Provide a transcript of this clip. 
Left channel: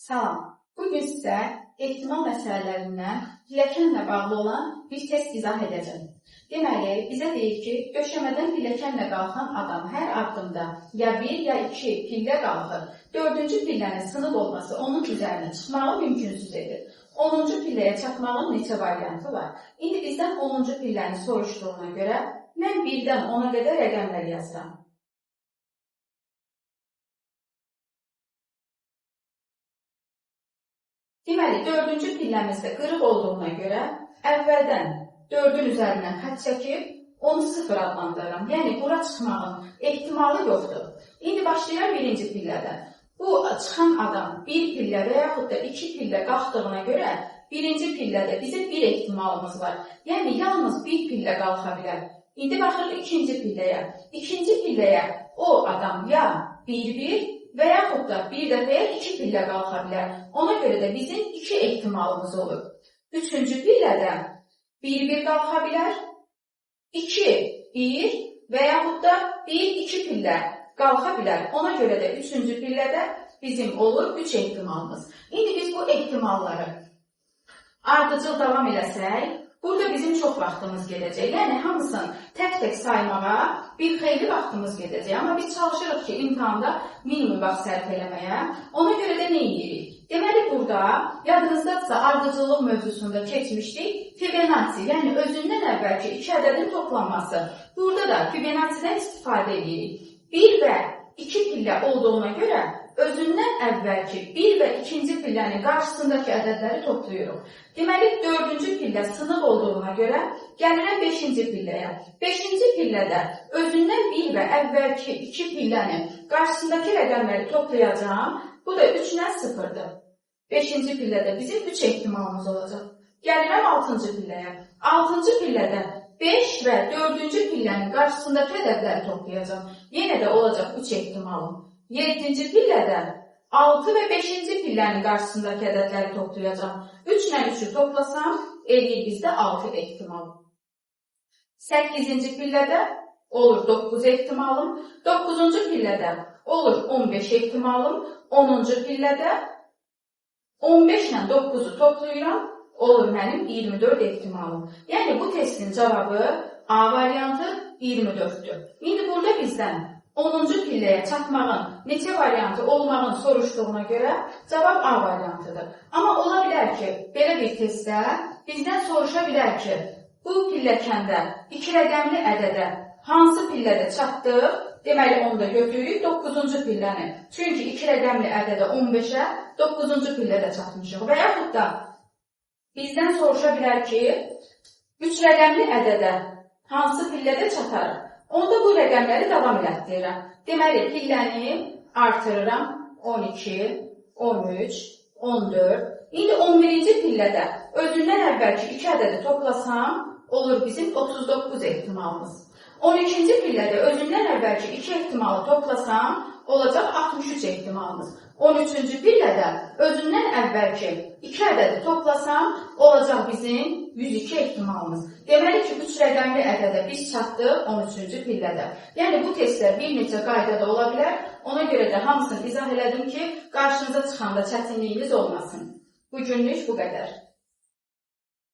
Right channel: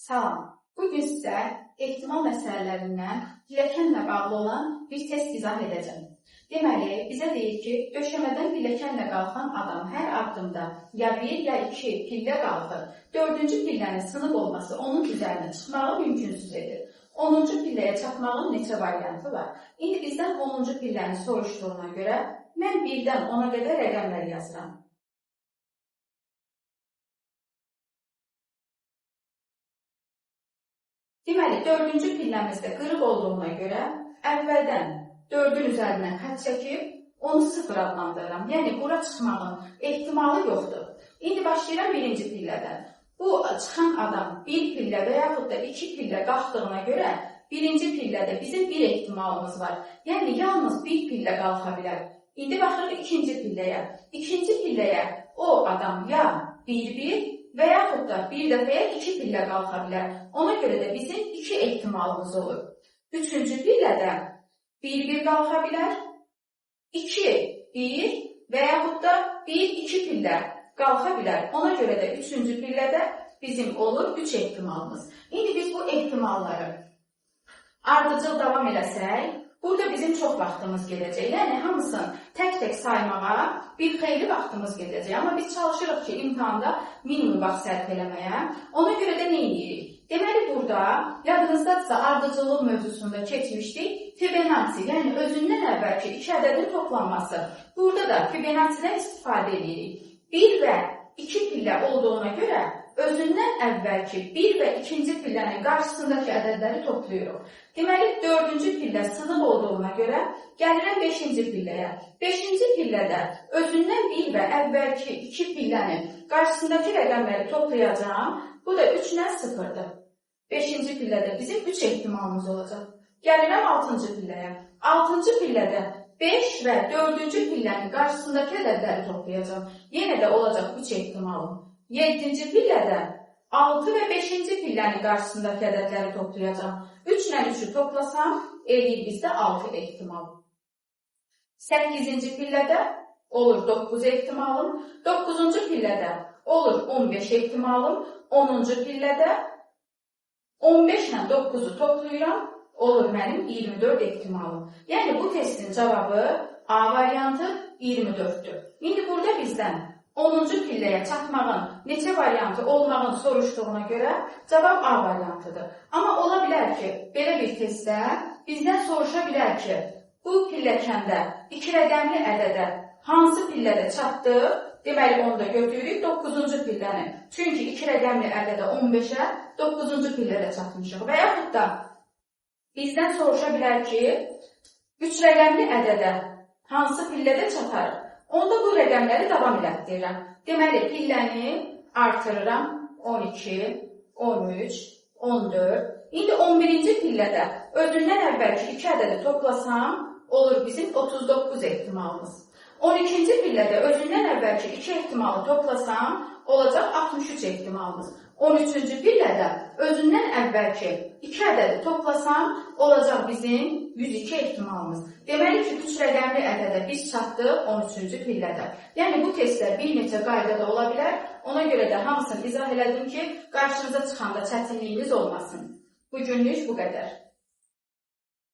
Salam. Bugün sizə ehtimal məsələlərindən pilləkənlə bağlı olan bir test izah edəcəm. Deməli, bizə deyir ki, döşəmədən pilləkənlə qalxan adam hər addımda ya 1 ya 2 pillə qalxır. 4-cü pillənin sınıq olması onun üzərinə çıxmağı mümkünsüz edir. 10-cu pilləyə çatmağın neçə variantı var? İndi bizdən 10-cu pilləni soruşduğuna görə mən 1-dən 10-a qədər rəqəmləri yazıram. Deməli, 4-cü pilləmizdə qırıq olduğuna görə əvvəldən 4-ün üzərindən xətt çəkib, onu 0 adlandırıram. Yəni, bura çıxmağın ehtimalı yoxdur. İndi başlayıram 1-ci pillədən. Bu, çıxan adam 1 pillə və yaxud da 2 pillə qalxdığına görə 1-ci pillədə bizim 1 ehtimalımız var. Yəni, yalnız 1 pillə qalxa bilər. İndi baxırıq 2-ci pilləyə. 2-ci pilləyə o adam ya 1-1 və yaxud da bir dəfəyə 2 pillə qalxa bilər. Ona görə də bizim 2 ehtimalımız olur. 3-cü pillədə 1-1 qalxa bilər, 2-1 və yaxud da 1-2 pillə qalxa bilər. Ona görə də 3-cü pillədə bizim olur 3 ehtimalımız. İndi biz bu ehtimalları ardıcıl davam eləsək, burada bizim çox vaxtımız gedəcək. Yəni, hamısını tək-tək saymağa bir xeyli vaxtımız gedəcək. Amma biz çalışırıq ki, imtahanda minimum vaxt sərf eləməyə. Ona görə də nə edirik? Deməli, burada yadınızdadırsa ardıcıllıq mövzusunda keçmişdik. Fibonacci, yəni özündən əvvəlki 2 ədədin toplanması. Burada da Fibonacci'dən istifadə edirik. 1 və 2 pillə olduğuna görə özündən əvvəlki 1 və 2-ci pillənin qarşısındakı ədədləri toplayırıq. Deməli, 4-cü pillə sınıq olduğuna görə gəlirəm 5-ci pilləyə. 5-ci pillədə özündən 1 və əvvəlki 2 pillənin qarşısındakı rəqəmləri toplayacağım. Bu da 3-lə 0-dır. 5-ci pillədə bizim 3 ehtimalımız olacaq. Gəlirəm 6-cı pilləyə. 6-cı pillədə 5 və 4-cü pillənin qarşısındakı ədədləri toplayacağım. Yenə də olacaq 3 ehtimalım. 7-ci pillədə 6 və 5-ci pillənin qarşısındakı ədədləri toplayacağım. 3 ilə 3-ü toplasam, eləyir bizdə 6 ehtimal. 8-ci pillədə olur 9 ehtimalım. 9-cu pillədə olur 15 ehtimalım. 10-cu pillədə 15 ilə 9-u toplayıram, olur mənim 24 ehtimalım. Yəni, bu testin cavabı A variantı 24-dür. İndi burada bizdən 10-cu pilləyə çatmağın neçə variantı olmağını soruşduğuna görə cavab A variantıdır. Amma ola bilər ki, belə bir testdə bizdən soruşa bilər ki, bu pilləkəndə 2 rəqəmli ədədə hansı pillədə çatdıq? Deməli, onu da götürürük 9-cu pilləni. Çünki 2 rəqəmli ədədə 15-ə 9-cu pillədə çatmışıq. Və yaxud da bizdən soruşa bilər ki, 3 rəqəmli ədədə hansı pillədə çatarıq? Onda bu rəqəmləri davam elətdirirəm. Deməli, pilləni artırıram 12, 13, 14. İndi 11-ci pillədə özündən əvvəlki 2 ədədi toplasam, olur bizim 39 ehtimalımız. 12-ci pillədə özündən əvvəlki 2 ehtimalı toplasam, olacaq 63 ehtimalımız. 13-cü pillədə özündən əvvəlki 2 ədədi toplasam, olacaq bizim 102 ehtimalımız. Deməli ki, 3 rəqəmli ədədə biz çatdıq 13-cü pillədə. Yəni, bu testlər bir neçə qaydada ola bilər. Ona görə də hamısını izah elədim ki, qarşınıza çıxanda çətinliyiniz olmasın. Bugünlük bu qədər.